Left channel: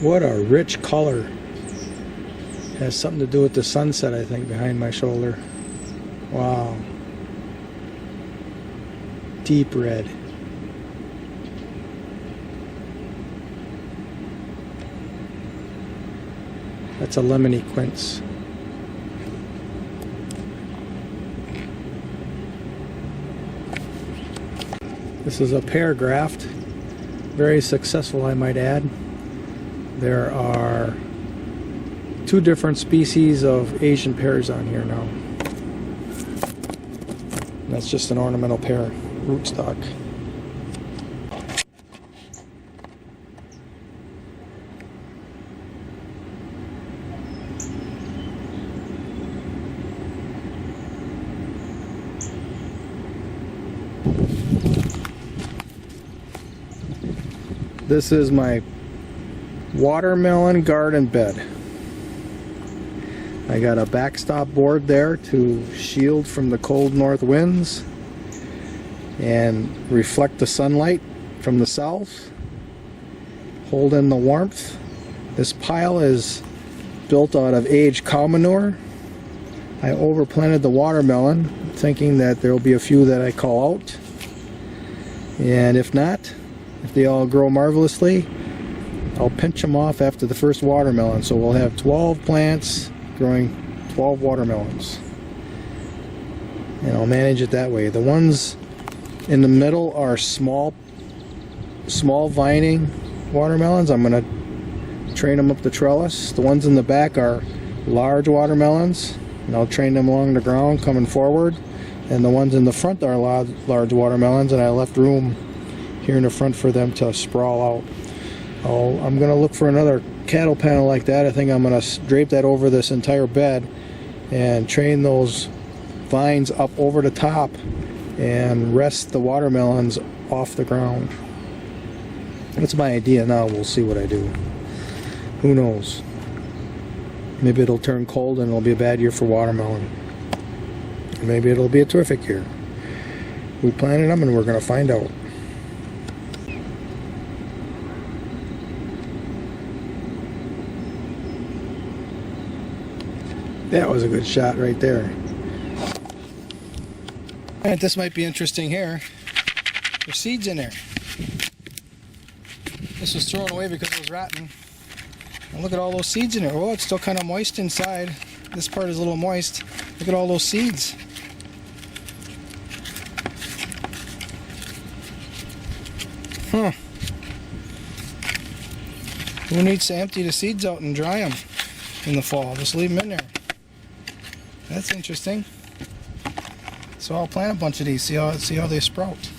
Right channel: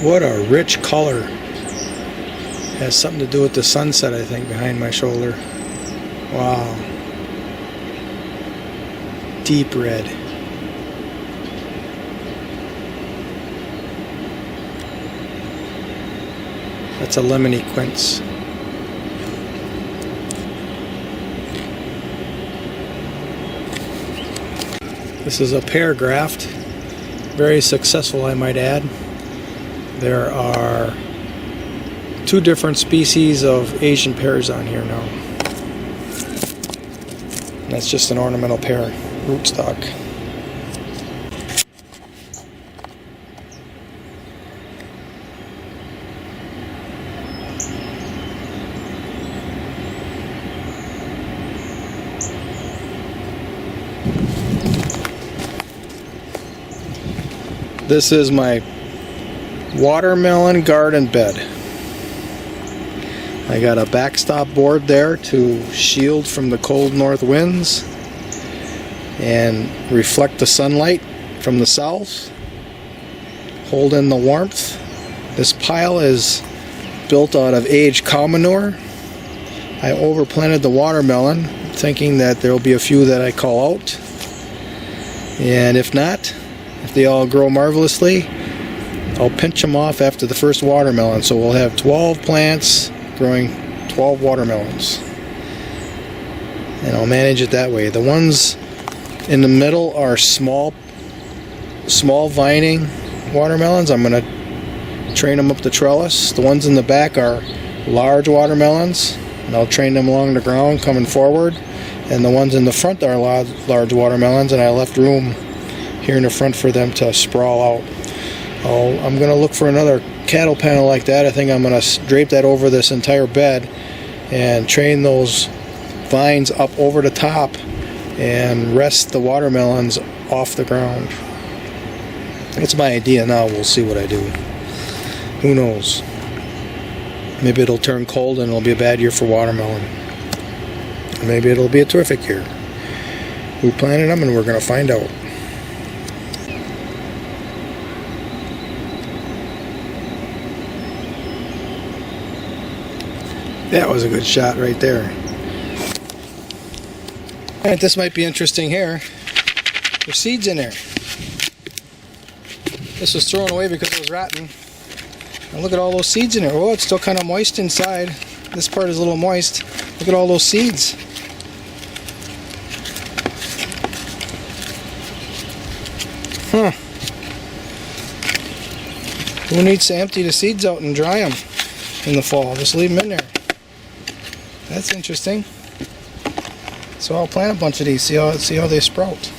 What a rich color. Has something to do with the sunset, I think, behind my shoulder. Wow. Deep red. That's a lemony quince. This is a pear graft. Very successful, I might add. There are 2 different species of Asian pears on here now. And that's just an ornamental pear rootstock. This is my watermelon garden bed. I got a backstop board there to shield from the cold north winds and reflect the sunlight from the south, hold in the warmth. This pile is built out of aged cow manure. I overplanted the watermelon, thinking that there will be a few that I call out, and if not, if they all grow marvelously, I'll pinch them off after the first watermelon. So we'll have 12 plants growing 12 watermelons. And I'll manage it that way. The ones in the middle are small vining watermelons. I'm going to train them up the trellis. The ones in the back are large watermelons, and I'll train them along the ground coming forward. And the ones in the front are large watermelons, and I left room here in the front for them to sprawl out. I'm going to look for another cattle panel like that. I think I'm going to drape that over this entire bed and train those vines up over the top and rest the watermelons off the ground. That's my idea now. We'll see what I do. Who knows? Maybe it'll turn cold and it'll be a bad year for watermelon. Maybe it'll be a terrific year. Who planted them, and we're going to find out. That was a good shot right there. Alright, this might be interesting here. There's seeds in there. This was thrown away because it was rotten. And look at all those seeds in there. Oh, it's still kind of moist inside. This part is a little moist. Look at all those seeds. Huh. Who needs to empty the seeds out and dry them in the fall? Just leave them in there. That's interesting. So I'll plant a bunch of these, see how they sprout.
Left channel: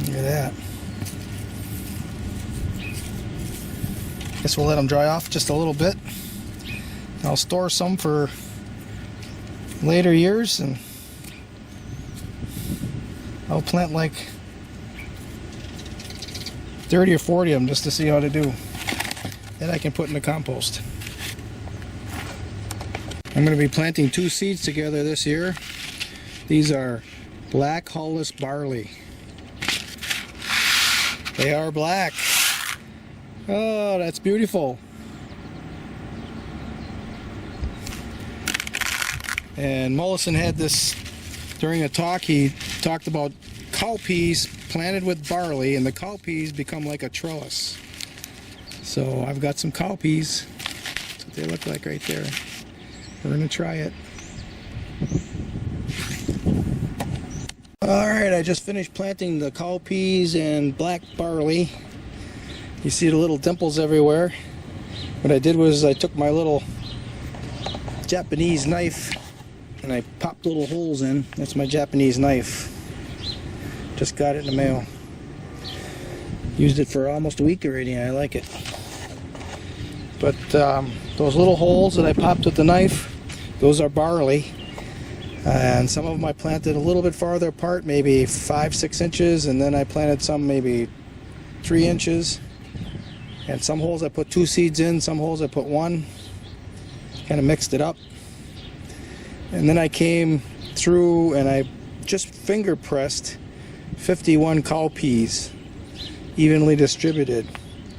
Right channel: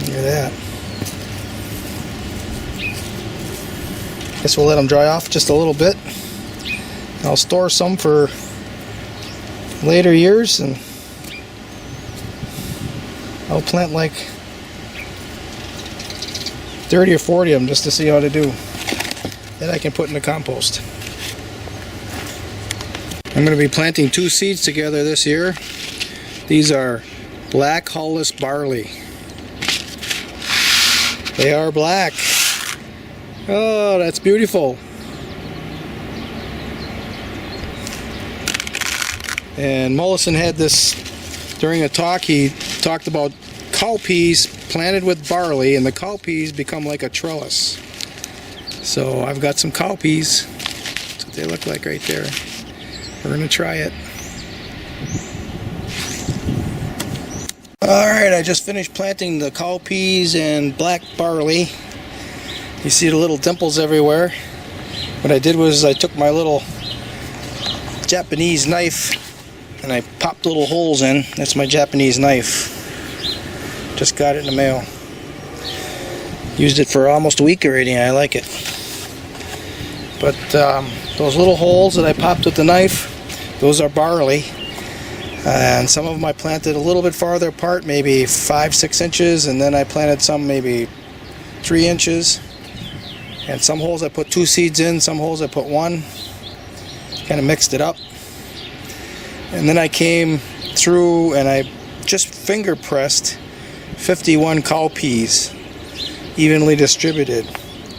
Look at that. Guess we'll let them dry off just a little bit. I'll store some for later years, and I'll plant like 30 or 40 of them just to see how they do. Then I can put in the compost. I'm going to be planting 2 seeds together this year. These are black hulless barley. They are black. Oh, that's beautiful. And Mollison had this during a talk. He talked about cowpeas planted with barley, and the cowpeas become like a trellis. So I've got some cowpeas. That's what they look like right there. We're going to try it. Alright, I just finished planting the cowpeas and black barley. You see the little dimples everywhere. What I did was I took my little Japanese knife and I popped little holes in. That's my Japanese knife. Just got it in the mail. Used it for almost a week already, and I like it. But those little holes that I popped with the knife, those are barley. And some of them I planted a little bit farther apart, maybe 5-6 inches, and then I planted some maybe 3 inches. And some holes I put 2 seeds in, some holes I put 1. Kind of mixed it up. And then I came through and I just finger pressed 51 cowpeas evenly distributed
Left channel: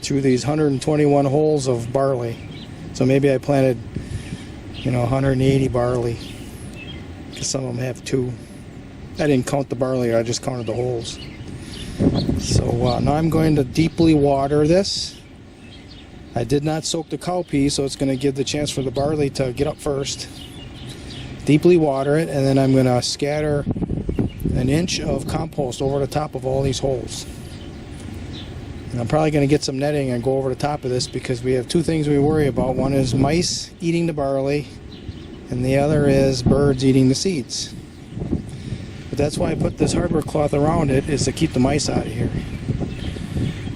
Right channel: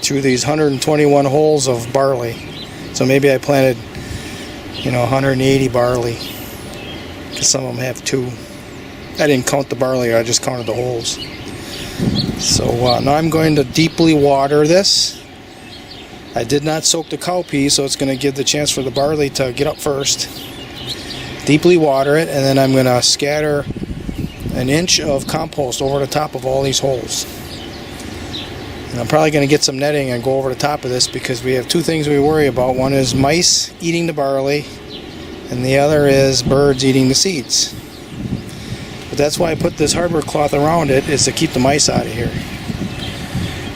through these 121 holes of barley. So maybe I planted, 180 barley, because some of them have 2. I didn't count the barley, I just counted the holes. So now I'm going to deeply water this. I did not soak the cowpea, so it's going to give the chance for the barley to get up first. Deeply water it, and then I'm going to scatter an inch of compost over the top of all these holes. And I'm probably going to get some netting and go over the top of this, because we have 2 things we worry about. One is mice eating the barley, and the other is birds eating the seeds. But that's why I put this hardware cloth around it, is to keep the mice out of here.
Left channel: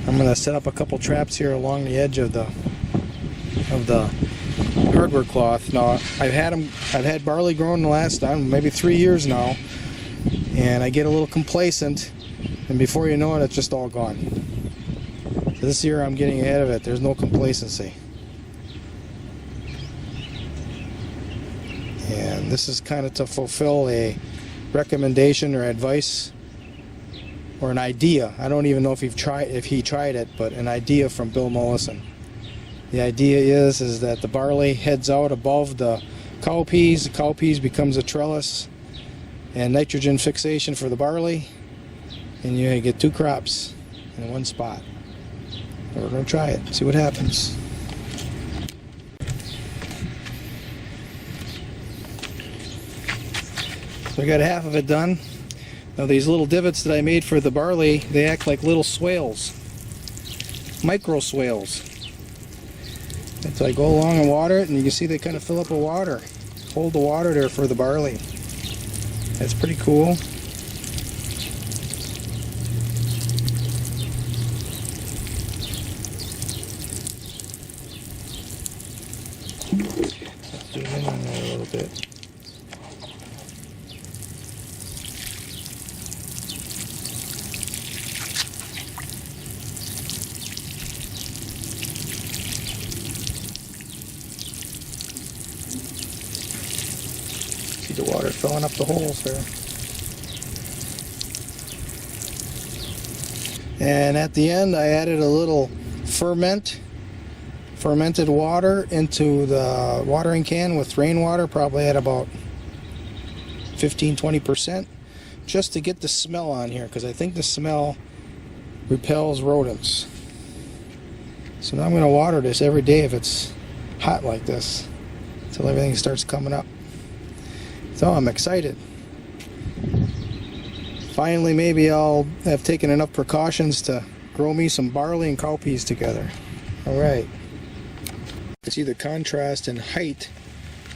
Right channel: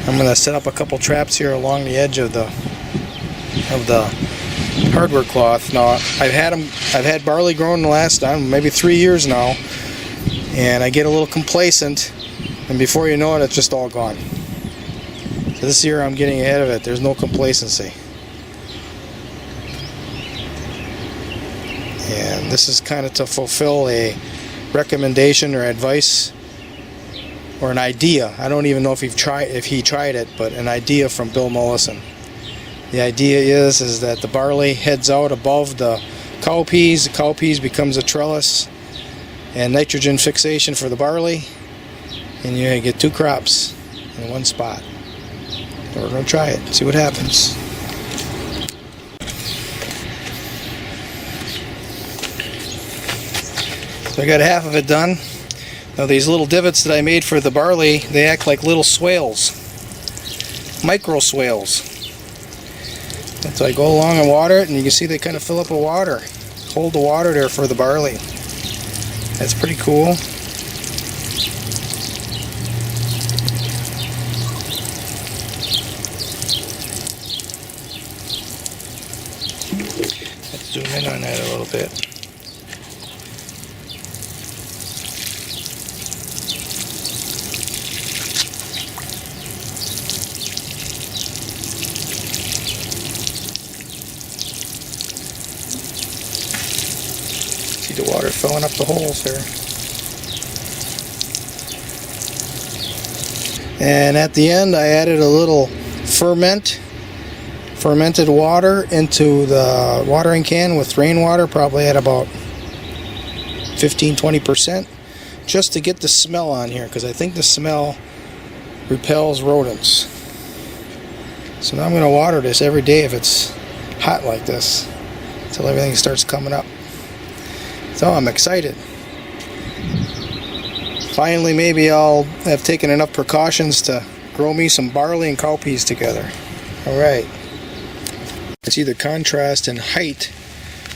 I'm going to set up a couple traps here along the edge of the hardware cloth. Now I've had barley growing the last maybe 3 years now, and I get a little complacent, and before you know it, it's just all gone. So this year I'm getting ahead of it. There's no complacency. And this is kind of to fulfill a recommendation or advice or an idea. I don't even know if he tried it, but an idea from Bill Mollison. The idea is that the barley heads out above the cowpeas. The cowpeas becomes a trellis and nitrogen fixation for the barley, and you get 2 crops in one spot. So we're going to try it, see what happens. So I got half of it done. Now these little divots that I made for the barley, they act like little swales, micro swales. So I go along and water it, and you can see they kind of fill up with water, hold the water there for the barley. That's pretty cool. Let's zoom in on that a little bit. The water filling up the holes there. And at the end I added a little fermented water into the watering can with rainwater, probably at about 15-20%, just to get the smell on here, because I think the smell repels rodents. So now I'm going to water this every day if it's hot like this, until everything starts coming up. So I'm excited. Finally, maybe I'll have taken enough precautions to grow me some barley and cowpeas together. Alright. See the contrast in height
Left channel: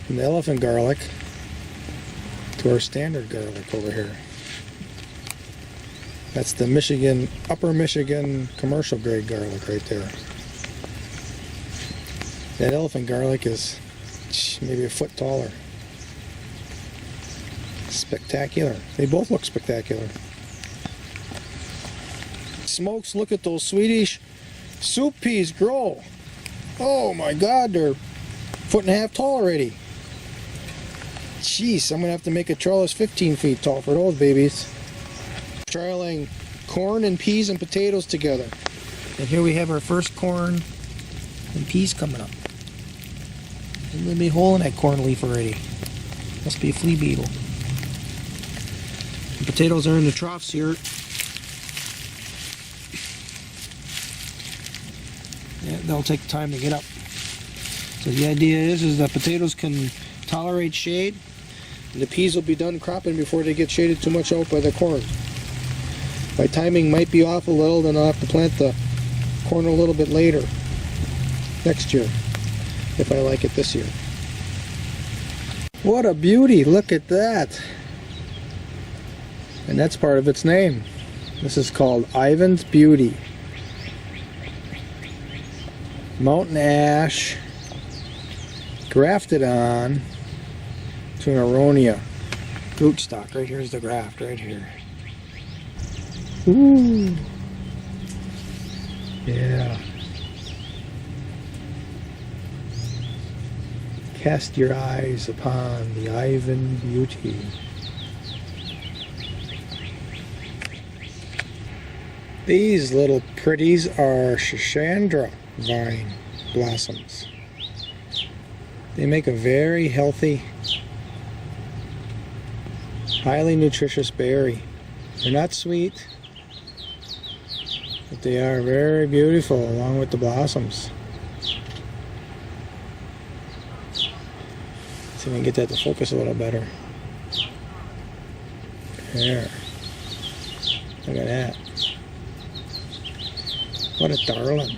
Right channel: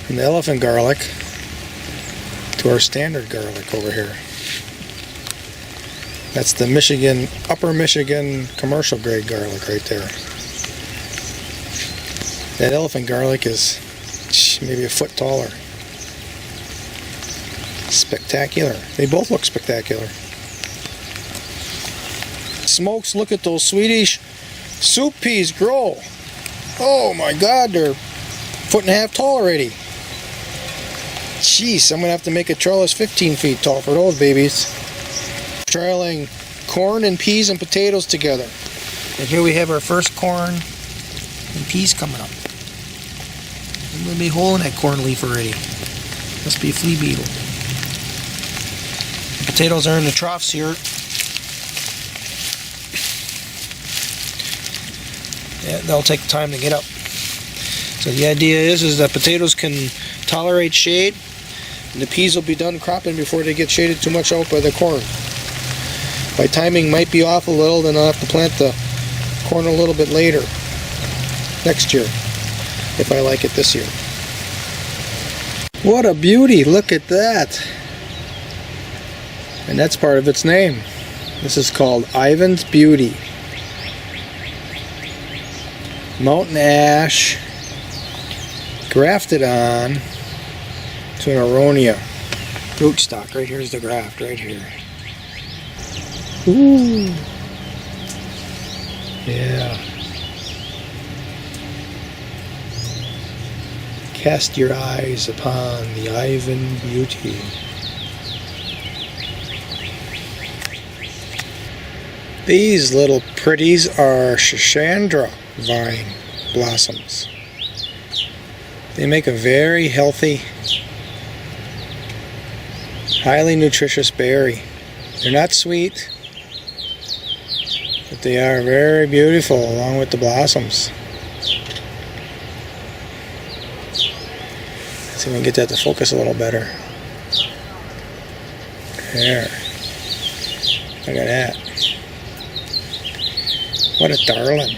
in the elephant garlic to our standard garlic over here. That's the Upper Michigan commercial grade garlic right there. That elephant garlic is maybe a foot taller. Spectacular. They both look spectacular. Smokes, look at those Swedish soup peas grow. Oh my God, they're 1.5 feet tall already. Jeez, I'm going to have to make a trellis 15 feet tall for those babies. Trailing corn and peas and potatoes together. And here we have our first corn and peas coming up. I'm going to be holding that corn leaf already. Must be a flea beetle. The potatoes are in the troughs here. Yeah, they'll take time to get up. So the idea is that potatoes can tolerate shade, and the peas will be done cropping before they get shaded too much out by the corn. My timing might be off a little, then I'll have to plant the corn a little bit later next year, if I like it this year. What a beauty, look at that. And that's part of its name. This is called Ivan's Beauty. Mountain ash grafted on to an aronia rootstock. Right here's the graft, right here. Ooh. Yeah. Cast your eyes upon the Ivan beauty. These little pretties are Schisandra vine blossoms. They make a very healthy, highly nutritious berry. They're not sweet, but they are very beautiful along with the blossoms. See if we can get that to focus a little better. There. Look at that. What a darling.